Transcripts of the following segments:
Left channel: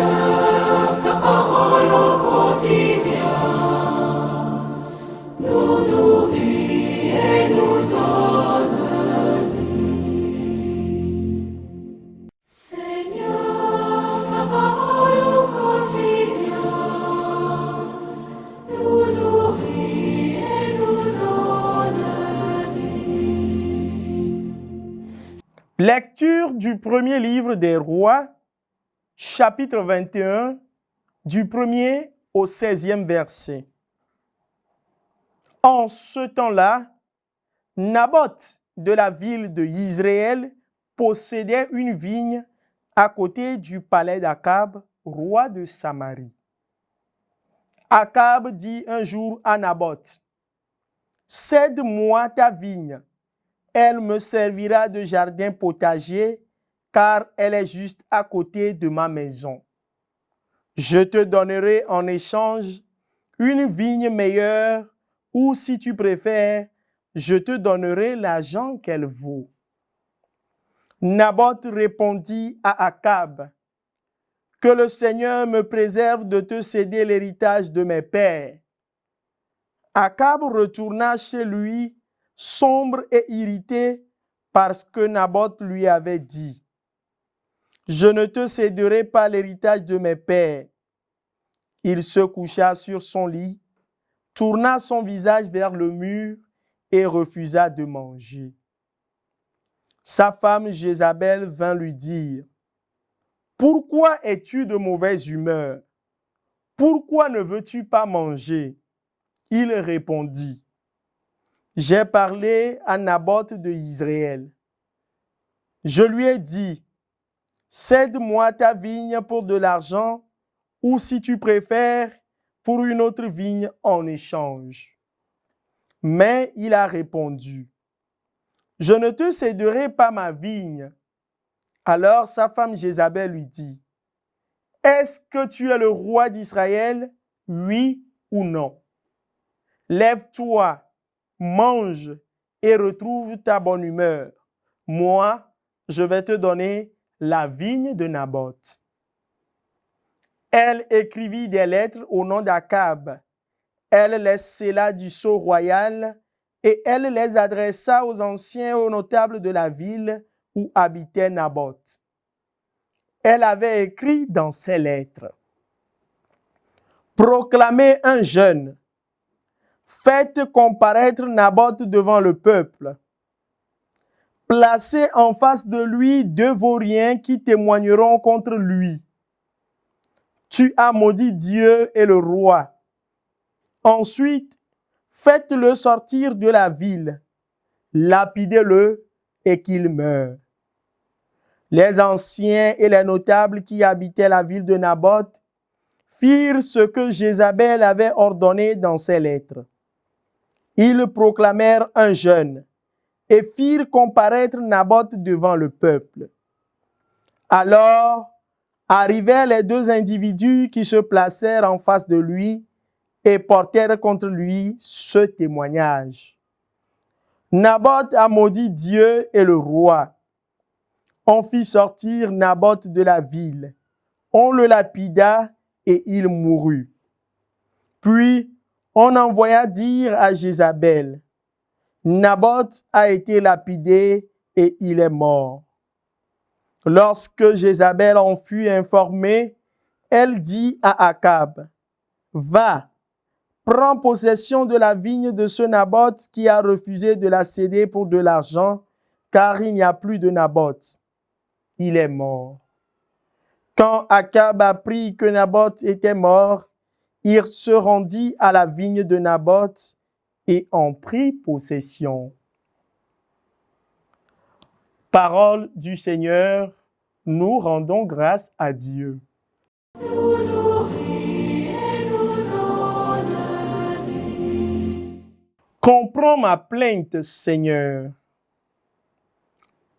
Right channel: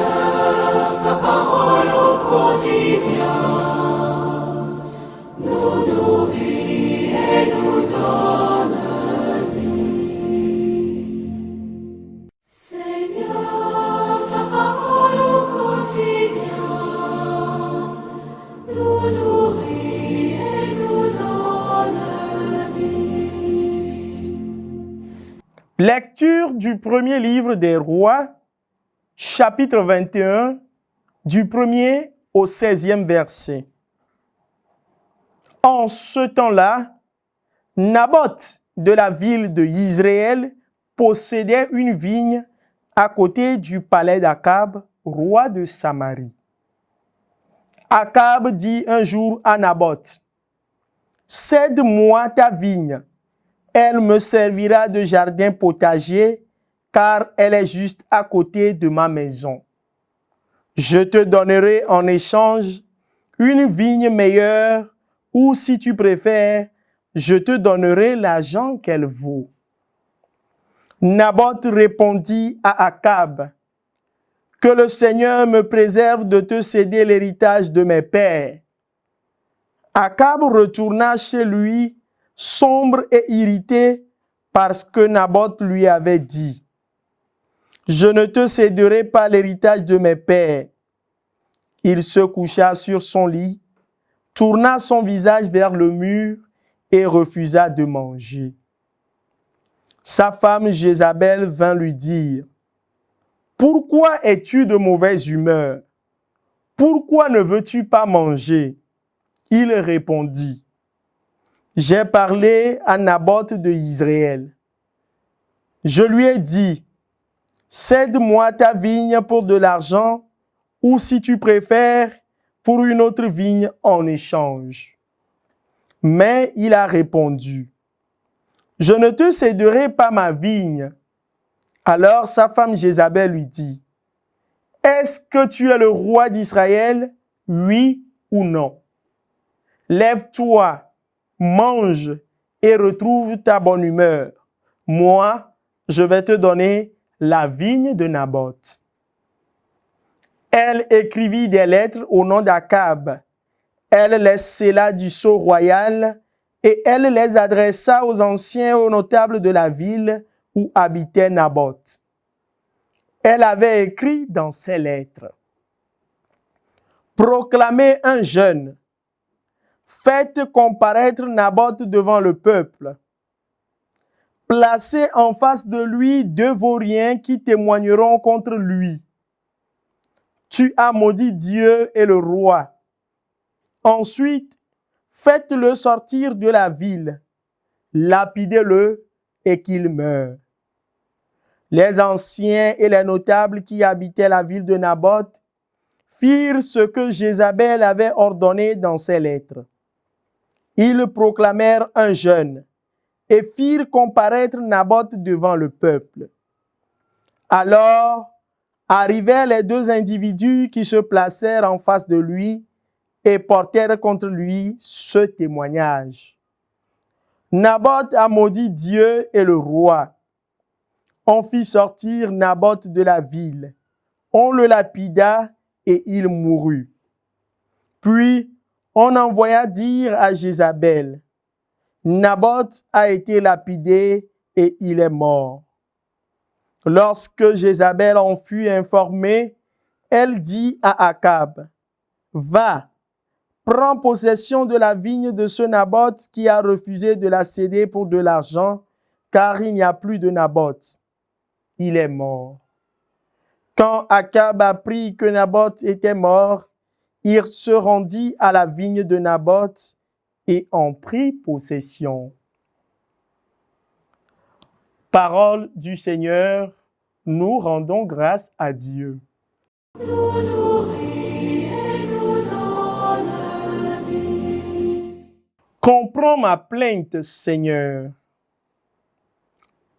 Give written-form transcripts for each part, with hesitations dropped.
Seigneur, ta parole au quotidien nous nourrit et nous donne vie. Seigneur, ta parole au quotidien nous nourrit et nous donne vie. Lecture du premier livre des Rois, chapitre 21, du 1er au 16e verset. En ce temps-là, Naboth de la ville de Yizréel possédait une vigne à côté du palais d'Akab, roi de Samarie. Akab dit un jour à Naboth, « Cède-moi ta vigne, elle me servira de jardin potager, car elle est juste à côté de ma maison. Je te donnerai en échange une vigne meilleure, ou si tu préfères, je te donnerai l'argent qu'elle vaut. » Naboth répondit à Akab, « Que le Seigneur me préserve de te céder l'héritage de mes pères. » Akab retourna chez lui, sombre et irrité, parce que Naboth lui avait dit, « Je ne te céderai pas l'héritage de mes pères. » Il se coucha sur son lit, tourna son visage vers le mur et refusa de manger. Sa femme Jézabel vint lui dire, « Pourquoi es-tu de mauvaise humeur? Pourquoi ne veux-tu pas manger? » Il répondit, « J'ai parlé à Naboth de Yizréel. Je lui ai dit, cède-moi ta vigne pour de l'argent, ou si tu préfères, pour une autre vigne en échange. » Mais il a répondu, « Je ne te céderai pas ma vigne. » Alors sa femme Jézabel lui dit, « Est-ce que tu es le roi d'Israël, oui ou non? Lève-toi, mange et retrouve ta bonne humeur. Moi, je vais te donner la vigne de Naboth. » Elle écrivit des lettres au nom d'Akab. Elle les scella du sceau royal et elle les adressa aux anciens et aux notables de la ville où habitait Naboth. Elle avait écrit dans ses lettres, « Proclamez un jeûne, faites comparaître Naboth devant le peuple. Placez en face de lui 2 vauriens qui témoigneront contre lui. Tu as maudit Dieu et le roi. Ensuite, faites-le sortir de la ville, lapidez-le et qu'il meure. » Les anciens et les notables qui habitaient la ville de Naboth firent ce que Jézabel avait ordonné dans ses lettres. Ils proclamèrent un jeûne et firent comparaître Naboth devant le peuple. Alors arrivèrent les 2 individus qui se placèrent en face de lui et portèrent contre lui ce témoignage. Naboth a maudit Dieu et le roi. On fit sortir Naboth de la ville. On le lapida et il mourut. Puis on envoya dire à Jézabel, « Naboth a été lapidé et il est mort. » Lorsque Jézabel en fut informée, elle dit à Akab, « Va, prends possession de la vigne de ce Naboth qui a refusé de la céder pour de l'argent, car il n'y a plus de Naboth. Il est mort. » Quand Akab apprit que Naboth était mort, il se rendit à la vigne de Naboth et en prit possession. Parole du Seigneur, nous rendons grâce à Dieu. Nous nourrit et nous donne vie. Comprends ma plainte, Seigneur.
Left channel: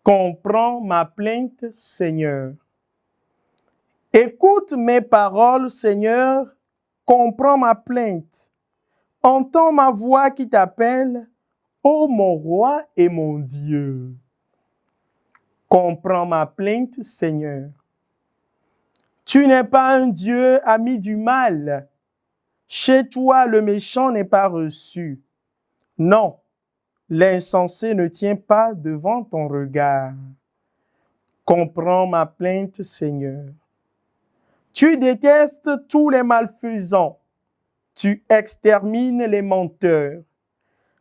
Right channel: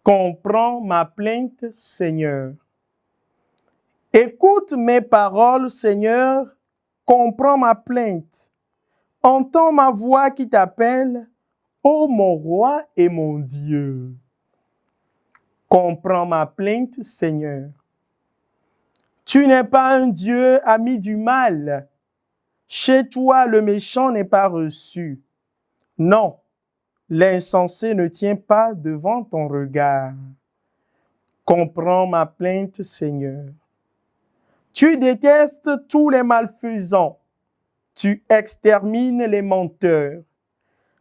Comprends ma plainte, Seigneur. Écoute mes paroles, Seigneur. Comprends ma plainte. Entends ma voix qui t'appelle, ô mon roi et mon Dieu. Comprends ma plainte, Seigneur. Tu n'es pas un Dieu ami du mal. Chez toi, le méchant n'est pas reçu. Non, l'insensé ne tient pas devant ton regard. Comprends ma plainte, Seigneur. Tu détestes tous les malfaisants. Tu extermines les menteurs.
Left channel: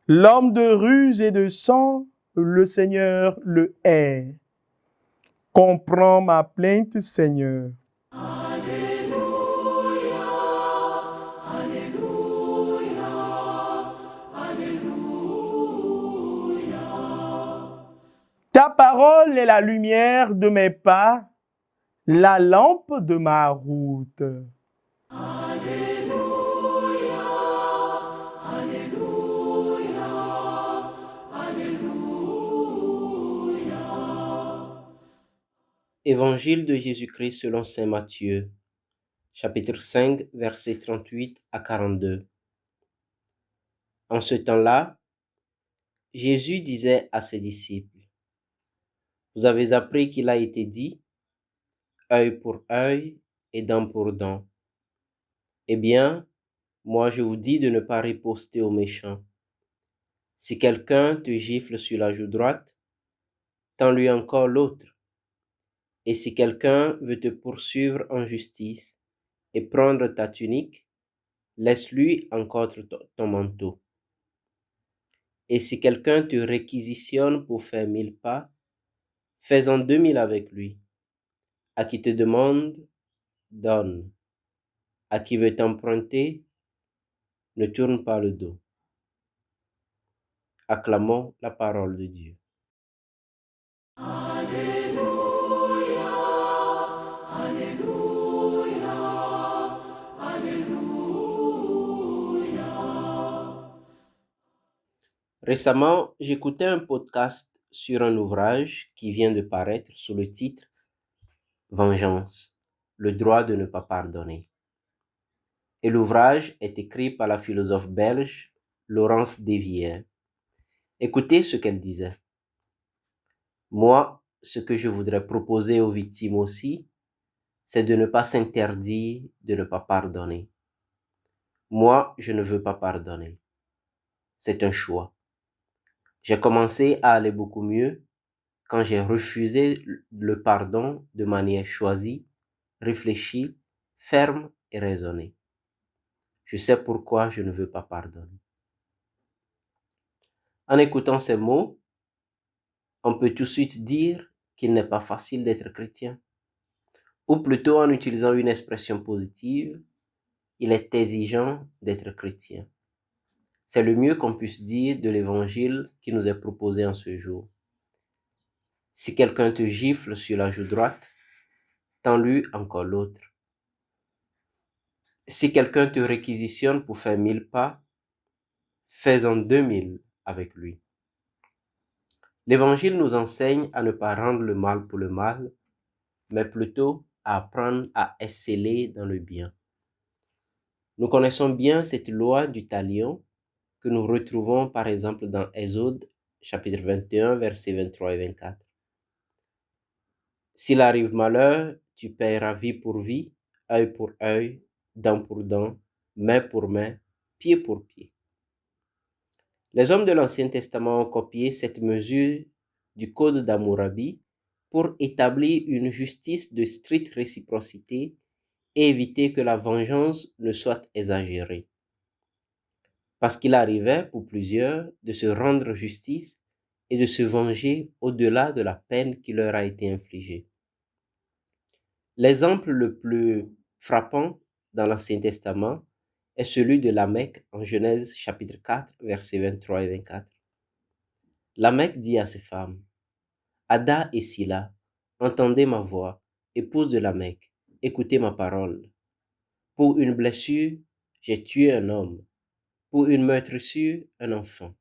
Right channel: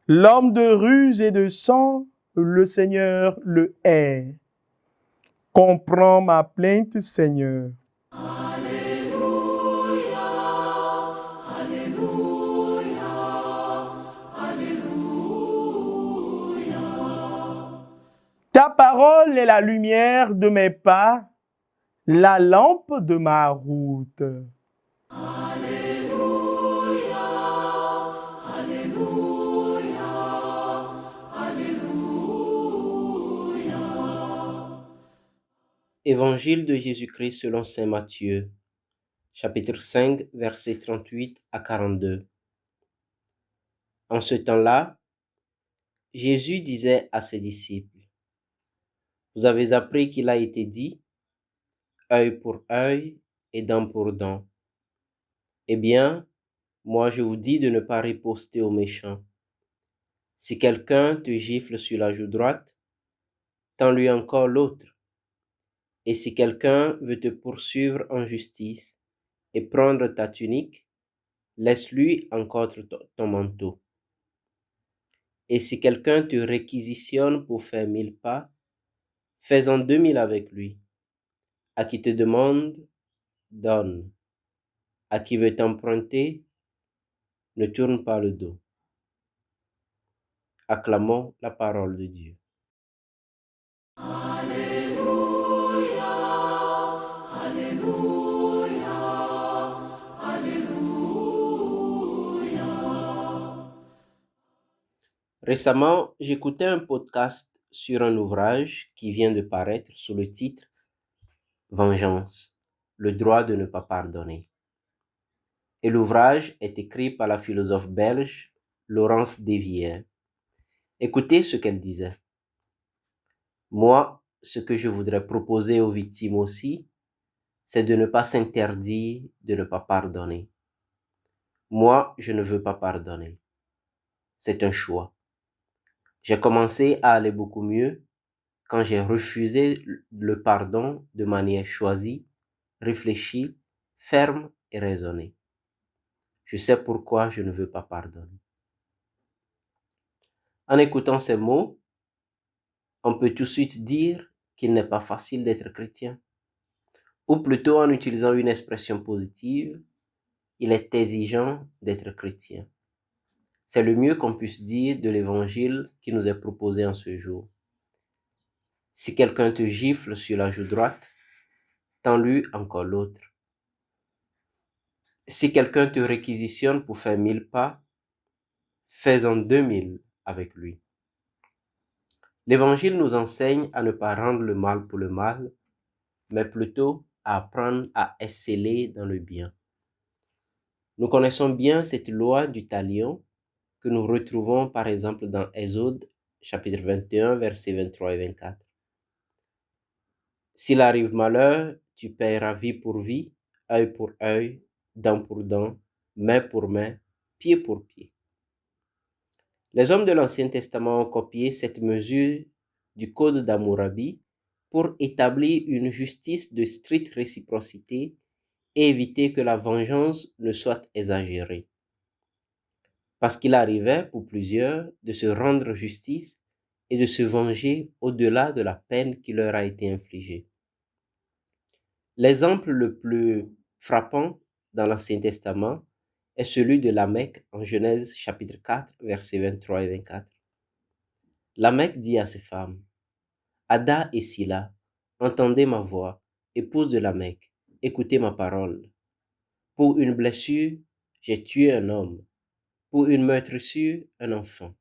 L'homme de ruse et de sang, le Seigneur le hait. Comprends ma plainte, Seigneur. Ta parole est la lumière de mes pas, la lampe de ma route. Évangile de Jésus-Christ selon saint Matthieu, chapitre 5, versets 38 à 42. En ce temps-là, Jésus disait à ses disciples, « Vous avez appris qu'il a été dit, œil pour œil et dent pour dent. Eh bien, moi je vous dis de ne pas riposter aux méchants. Si quelqu'un te gifle sur la joue droite, tends-lui encore l'autre. Et si quelqu'un veut te poursuivre en justice et prendre ta tunique, laisse-lui encore ton manteau. Et si quelqu'un te réquisitionne pour faire 1000 pas, fais-en 2000 avec lui. À qui te demande, donne. À qui veut t'emprunter, ne tourne pas le dos. » Acclamons la parole de Dieu. Récemment, j'écoutais un podcast sur un ouvrage qui vient de paraître sous le titre Vengeance, le droit de ne pas pardonner. Et l'ouvrage est écrit par la philosophe belge Laurence Desvières. Écoutez ce qu'elle disait. Moi, ce que je voudrais proposer aux victimes aussi, c'est de ne pas s'interdire de ne pas pardonner. Moi, je ne veux pas pardonner. C'est un choix. J'ai commencé à aller beaucoup mieux quand j'ai refusé le pardon de manière choisie, réfléchie, ferme et raisonnée. Je sais pourquoi je ne veux pas pardonner. En écoutant ces mots, on peut tout de suite dire qu'il n'est pas facile d'être chrétien. Ou plutôt, en utilisant une expression positive, il est exigeant d'être chrétien. C'est le mieux qu'on puisse dire de l'évangile qui nous est proposé en ce jour. Si quelqu'un te gifle sur la joue droite, tends-lui encore l'autre. Si quelqu'un te réquisitionne pour faire 1000 pas, fais-en 2000 avec lui. L'évangile nous enseigne à ne pas rendre le mal pour le mal, mais plutôt à apprendre à exceller dans le bien. Nous connaissons bien cette loi du talion que nous retrouvons par exemple dans Exode, chapitre 21, versets 23 et 24. S'il arrive malheur, tu paieras vie pour vie, œil pour œil, dent pour dent, main pour main, pied pour pied. Les hommes de l'Ancien Testament ont copié cette mesure du Code d'Hammurabi pour établir une justice de stricte réciprocité et éviter que la vengeance ne soit exagérée. Parce qu'il arrivait pour plusieurs de se rendre justice et de se venger au-delà de la peine qui leur a été infligée. L'exemple le plus frappant dans l'Ancien Testament est celui de Lamech en Genèse chapitre 4, versets 23 et 24. Lamech dit à ses femmes, « Ada et Sila, entendez ma voix, épouse de Lamech, écoutez ma parole. Pour une blessure, j'ai tué un homme. Pour une meurtrissure, un enfant.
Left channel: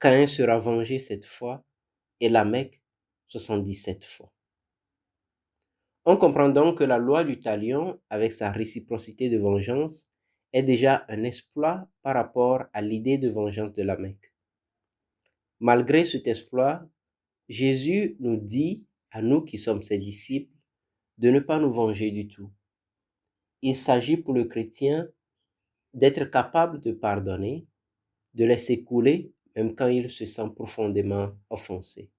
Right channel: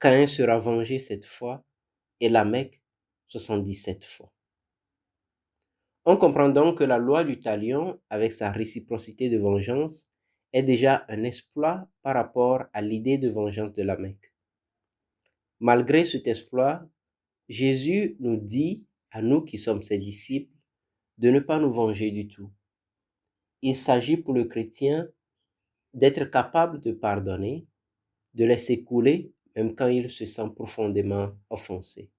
Caïn sera vengé cette fois, et Lamech 77 fois. » On comprend donc que la loi du talion, avec sa réciprocité de vengeance, est déjà un exploit par rapport à l'idée de vengeance de Lamech. Malgré cet exploit, Jésus nous dit, à nous qui sommes ses disciples, de ne pas nous venger du tout. Il s'agit pour le chrétien d'être capable de pardonner, de laisser couler, même quand il se sent profondément offensé.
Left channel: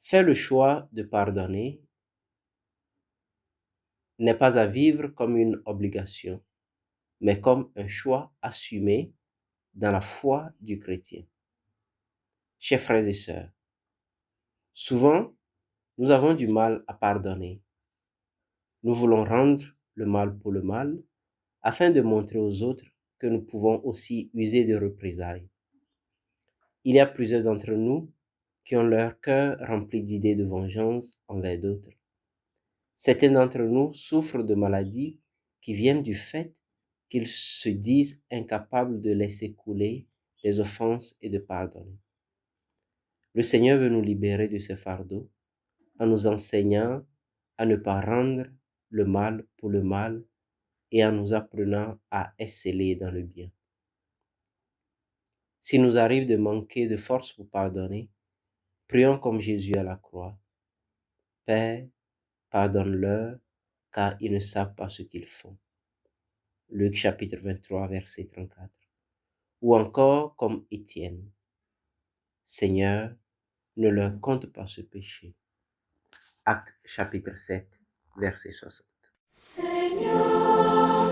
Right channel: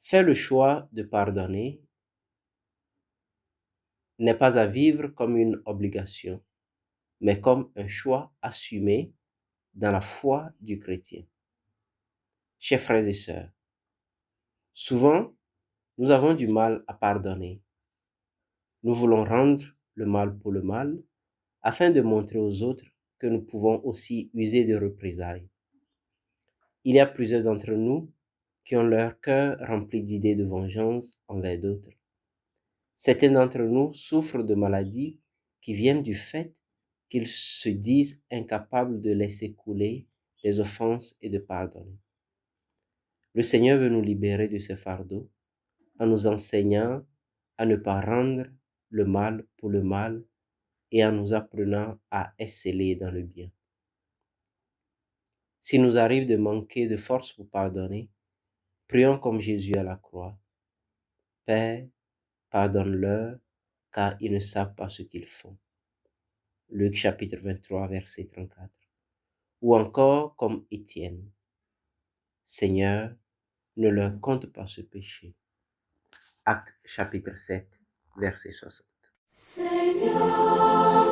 Faire le choix de pardonner n'est pas à vivre comme une obligation, mais comme un choix assumé dans la foi du chrétien. Chers frères et sœurs, souvent, nous avons du mal à pardonner. Nous voulons rendre le mal pour le mal, afin de montrer aux autres que nous pouvons aussi user de représailles. Il y a plusieurs d'entre nous qui ont leur cœur rempli d'idées de vengeance envers d'autres. Certains d'entre nous souffrent de maladies qui viennent du fait qu'ils se disent incapables de laisser couler des offenses et de pardonner. Le Seigneur veut nous libérer de ce fardeau en nous enseignant à ne pas rendre le mal pour le mal et en nous apprenant à exceller dans le bien. S'il nous arrive de manquer de force pour pardonner, prions comme Jésus à la croix. Père, pardonne-leur, car ils ne savent pas ce qu'ils font. Luc chapitre 23, verset 34. Ou encore comme Étienne. Seigneur, ne leur compte pas ce péché. Actes chapitre 7, verset 60. Seigneur,